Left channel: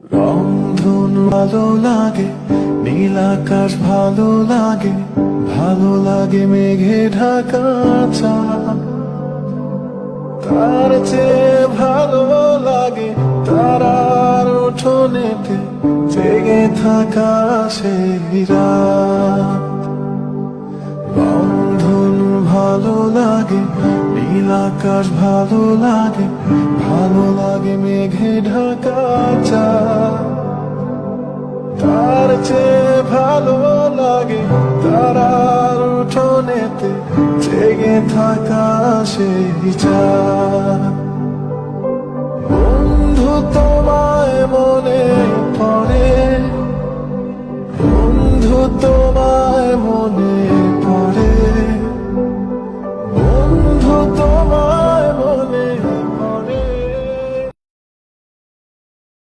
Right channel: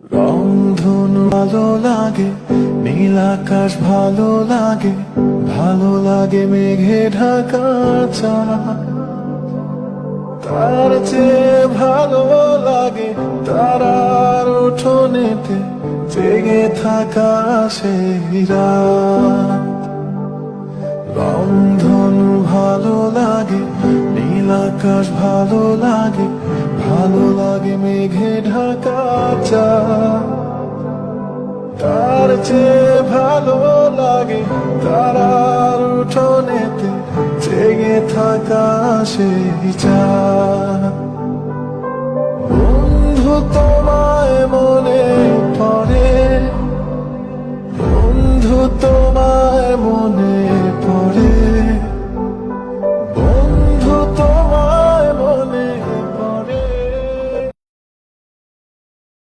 রংধনু ভালো লাগে, নীল আকাশ ভালো লাগে, ভালো লাগে মেঘে ঢাকা চাঁদ। তার চেয়ে ভালো লাগে তারার উঠোনেতে জেগে থাকা সেই রাত। রংধনু ভালো লাগে, নীল আকাশ ভালো লাগে, ভালো লাগে মেঘে ঢাকা চাঁদ। তার চেয়ে ভালো লাগে তারার উঠোনেতে জেগে থাকা সেই চাঁদ। বন্ধু তোমায় মনে পড়ে, বন্ধু তোমায় মনে